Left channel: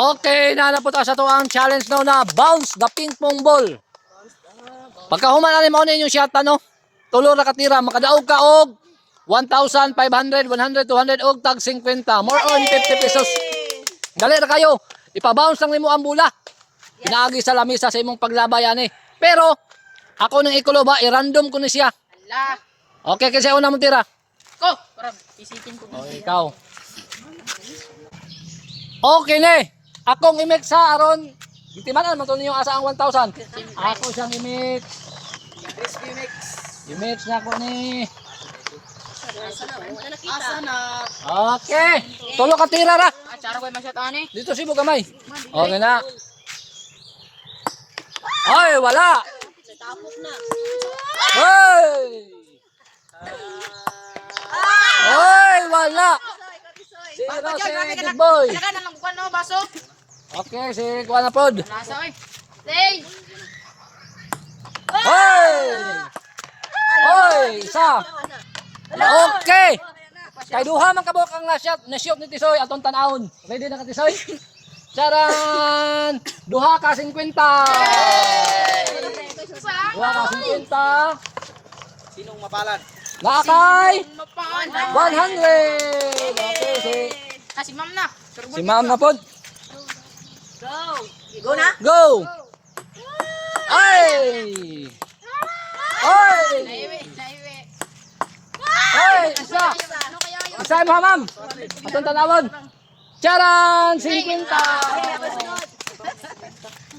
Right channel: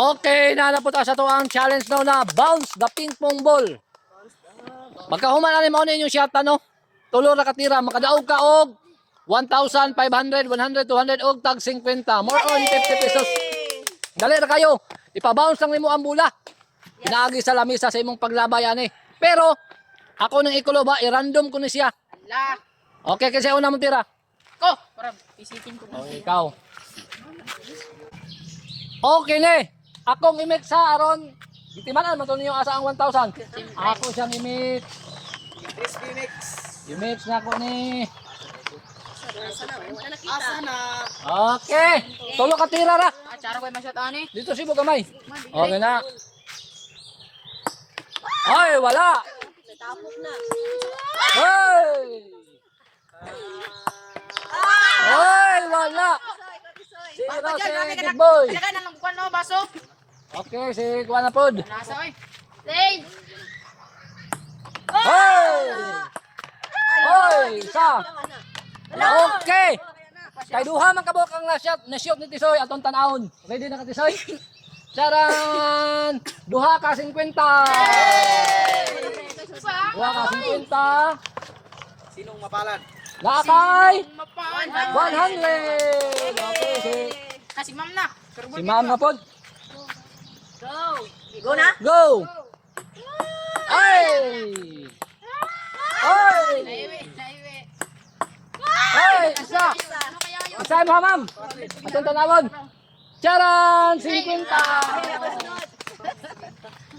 Okay, nanapot sa to ang challenge now na bounce the ping pong ball. Pagkahuman ani mao ni yung shot no. Tulo ra katira makadaog ka og 1,500, 100, 200 og tag 50. More on 50 pesos. Dali ra kayo. Ipa-bounce lang nimo ang bola. Pinaagi sa lamisa sa imong paglabay ani. Pero ako nang ikulo ba i-random ko ni siya. Ala. Okay, kasi una mo tira. Ko, para pisikin ko. Oh, ikaw. Okay ni. Akong i-mix sa aron gitimanan mo to ninyo asa ang 1,000. Ako siyang i-mix. Crispy mix. I-mix na ko ni. Asa na? Okay. Tulo ka tira ra. Acara ko masyat ani. Dito si gamay. Okay na. Ay, wala. Tapos na. Hey! Ay, wala. Sira si Big Boy. Alaga na lang bukan no baso. Okay, si Kuan na pod. Nasa oy. Say. Hey! Hey, isa. Okay. Kay duha man kabok ang na-shot ni Tisoy atong tan-awon. Ready na ka Tisoy? Charan! Duha ka 50. Duha ka 50. Sinong mapalan? Nakakay Mapaan. 100. Okay, Kasi ma'am na. si Ma'am na pod. Go na? Go! Ay! Ay! Naiwi, naiwi. Ay! Isa! Ano kaya yun? Isa mo Ma'am! Atong tanawon! Charan! 50!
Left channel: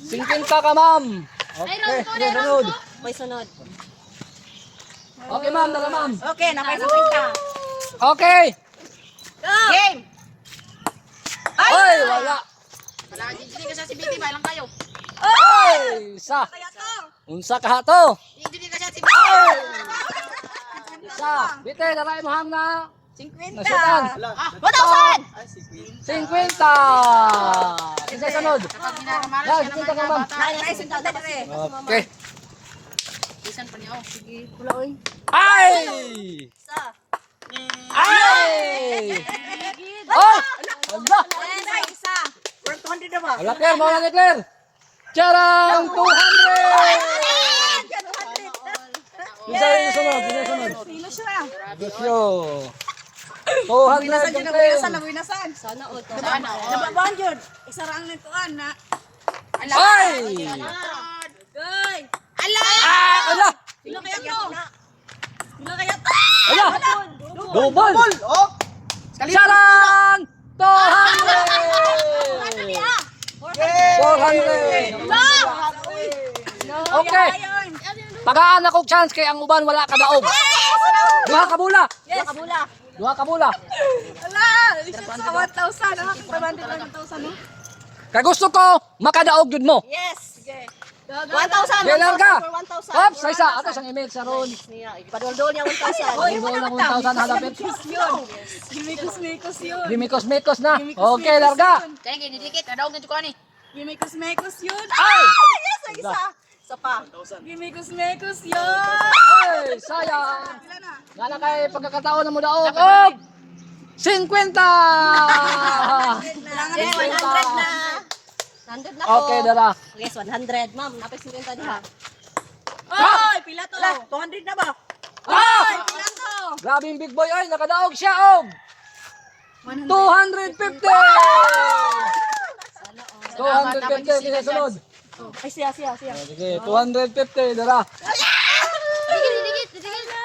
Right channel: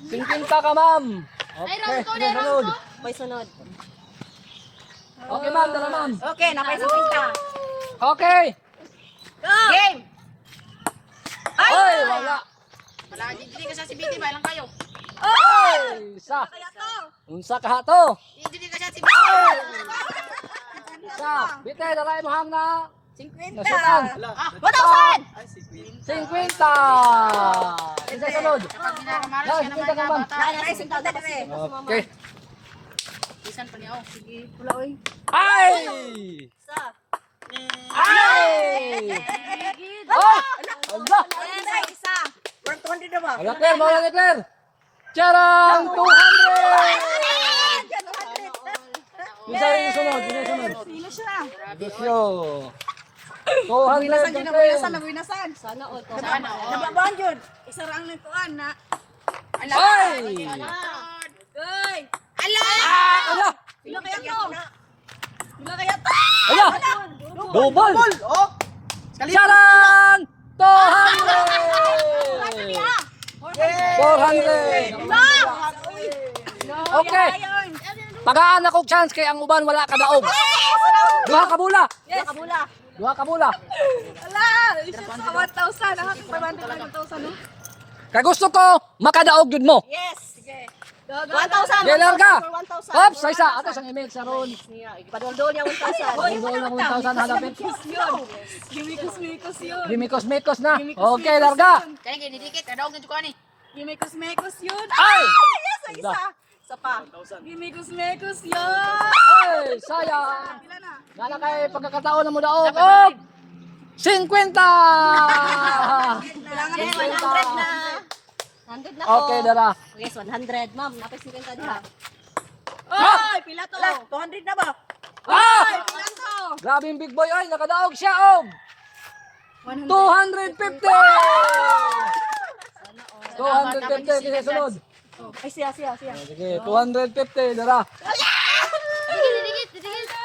50 ka Ma'am! Okay, sunod. May sunod. Okay Ma'am, dala Ma'am. Okay, napay sa pinta. Okay! Game. Ay! Wala! Wala, hindi ka sa CBT, ba lang kayo? Ay! Isa! Unsa ka to? Hindi ka sa CBT. Isa! Bite, dalay mo Ham na 50. nasukan! 1,000! 50! Isa sunod! Kapag minaramaran Yan, siya naman kita ka, nga ma'am. bata. Nakay sa pinta dere. Okay! Isan pa niya. Sige, pula oy. Ay! Sa. Ay! Ah! Ala! Isa. 100 na ba? Ala, Claire, mawala ni Claire! Charang! 200! Isa yung sunod, isa yung sunod. Sino siya? Dosyo! 200 Nasan yung yun Claire! nasan? Sana o to. Sana, oh. Nababaan yun. Isa raang nagtuan na. Ala! Ay! Goy! Ala! Ala! Sino kaya to? Sino kaya to? Ala! Double! Oh! Charang! 200! 400! Okay! Pagaan ako chance kay ang uban wala ka daog. Duha ka bula. Yes. Kabula. Duha ka bula. Ala! Isa sa 1,000. Nakakapabante ka ng 1,000, no? Kay gusto ko makadaog jud mo. Yes. Sige. 1,000. Kailan ka? 1,000. Ops, sa isa ato sang email sa ron. Ipadol-dol niya 1,000. Dol ng 1,000 halapit. Gimikos-mikos yun. Dimikos-mikos na. Okay, larga. Kaya nga, didikit. Adaog na dyan ni. Gimikos-mikos yun. Ay! Yes, ang isa. Isa pa. Gimikos-mikos yun. Ay, sayang. Ilan na? Nala kay pagkakataon na mo daog. Og 50. Kailangan na 100 na. 100 na Okay, dara. Yes, 100. Ma'am, napay 50 diha. Oy, pila to? 200 na ba? Ah! Oy, pila to? Grabe yung big boy ay nakadaog siya og 250. 250 kaya sunod. Ay, siya. Sige, 250 dara. Didikit.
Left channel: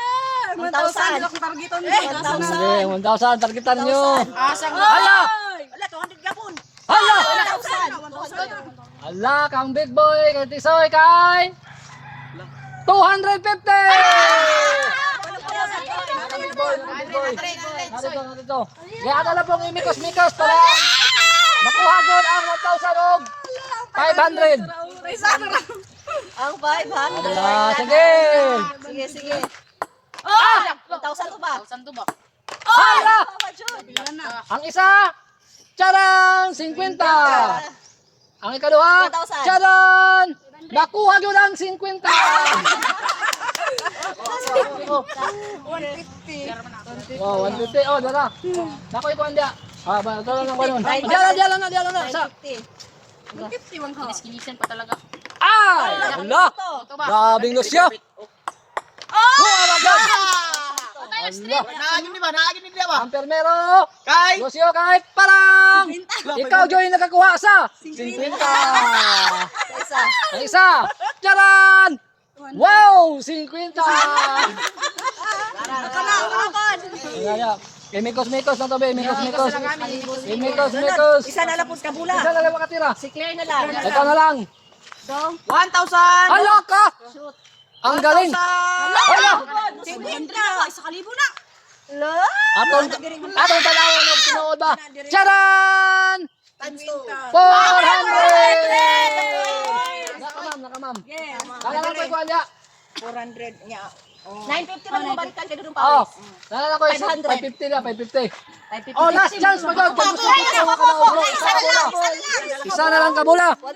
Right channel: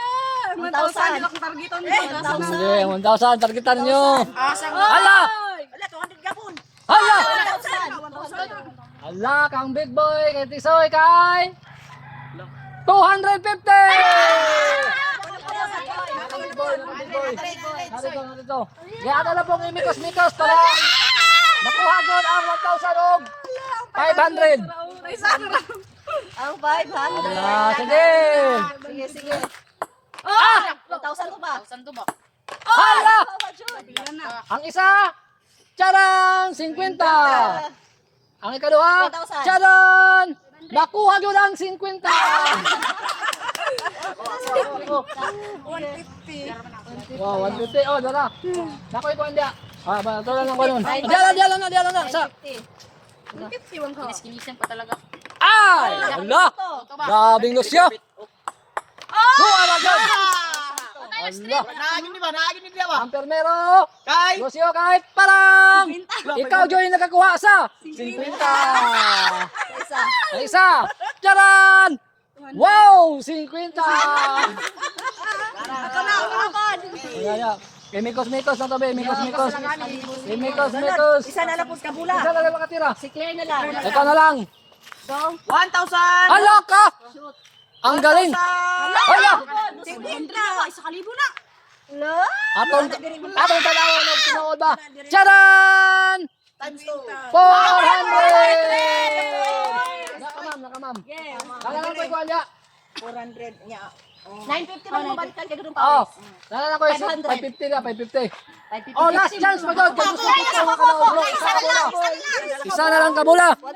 1,000. Dila kong targeton nito. 1,000. Sige, 1,000 targetan niyo. Asang Hala! Wala, 200 gapon. Hala! 1,000. Hala kang big boy kay Tisoy kay 250. Narito. Kaya na lang pong imikos-mikos para makuha doon ang 1,000 og 500. Ang 500. Hala, sige. Sige. Oh! 1,000 to ba? 1,000 to ba? Hala! Ilan na? Ang isa, charang 50. Ang ikaduha, 1,000. charan! Nakuha yun ang 50. 150. Wow, 150. Oh, dara. Nakoy ko andiya. Ah, ba, dala lang ba nun? Diyan na. Sa. 51 ka. Kiniskinisan pa talaga. Ah! Wala! Ito ba? Grabing lusyo! Allah! Naagin di ba? Ang permero! Kay! Lusyo kahit parang! Ikaw, Joy, nakakuha sa 50! Ang isa! Tiyaran! Wow! 50! Ayan. Mikos na to, be. Mikos. Isa na lang po kabula. Isa na lang makatira. Si Claire na lang. Ikaw na lang. 1,000! Hala ka! Ang galing! Hala! 50. Isa kalibo na. Lo? Atong tanawan ng tinuod ba? Charan! Times 2. 400! Nakamam. Yes. Kaya lang ko ikuha niya. 400 niya. 950 na mo balikan ka ganun Oo. pa. Kaya lang ko 550 na, 550. 550. Oh, last chance mo daw. Kung gusto mo ka na Isa na lang kabula. 1,000. For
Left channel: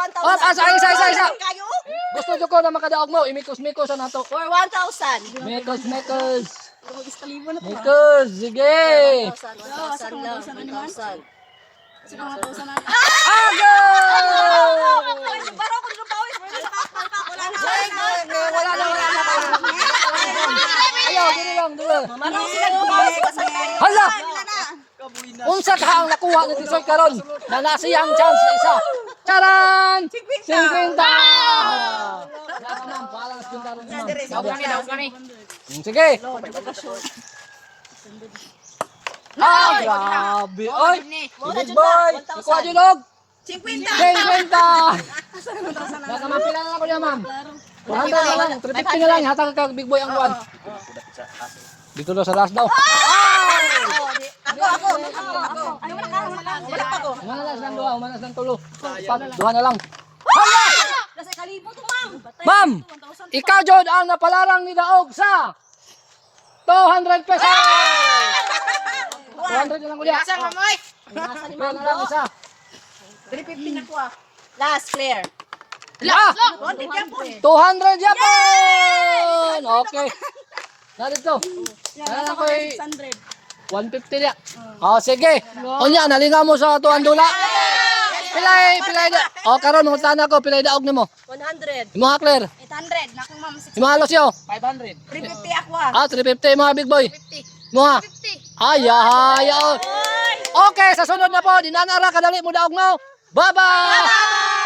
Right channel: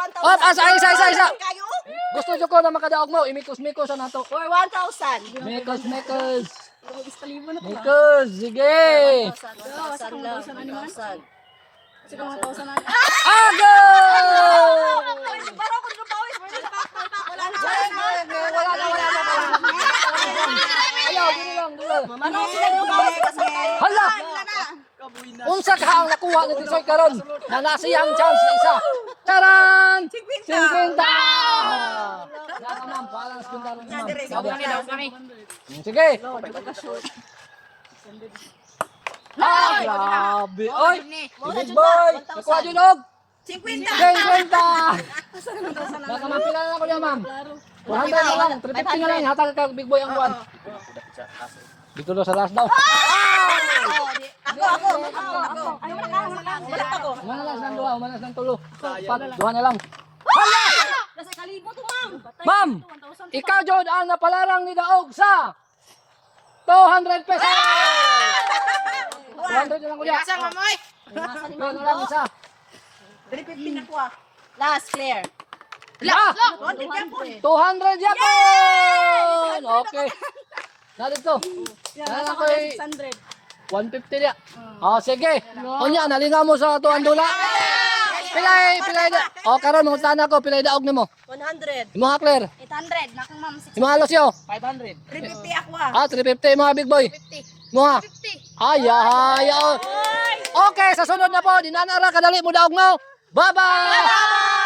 1,000. Isa. Kayo? Gusto ko na makadaog mo. Imikos-mikos na to. For 1,000. Mikos. Kalibo na Mikos. Sige. 1,000 lang. 1,000. Aga! Parang ako nung pawis. Wala na. Ayaw, gini lang. Marami sila nung pawis. Hala! Unsa ka ang nakuha ni Tisoy karon? Na nasiyang chance na isa. Charan! 50! Nakamam, balance din karon ma'am. Daog kami. Sige. Ay, grabe. Oy, big boy. Nakuha din og 50. 50. Nakamam pila na ako niya, ma'am. 100 na lang, 350 na lang. Hatag ka big boy ang buwan. Dito daw sa last daw. Ako. Ay, wala ka. Wala pa ko. Umanas ng tulo. Duha na lang. Nasa kalibo to, ma'am. Ma'am, ikaw Jod ang napalarang ni Daog sa 200 pesos. 200 na lang ulit. Asa mamoy? Pera na lang isa. 350 na ko ah. Last, Claire. Ah, 100 yan po. 200 yapon. Okay. Narito. Kaya ko 150 niya. Oh, sige. Unya, nalingaw mo sa tuwan dula. Pilay da. Oh, karon mo tana ko pilay daog nimo. 100. Imo ha Claire. 800. Nakang ma'am. Imo halos yo. 500. 350 ako ah. Ah, 350 mga big boy. 50. Mo ha. 50. Ay, ay. Okay, sa sunod na po, dinanara kadali mo daog mo. Bye-bye.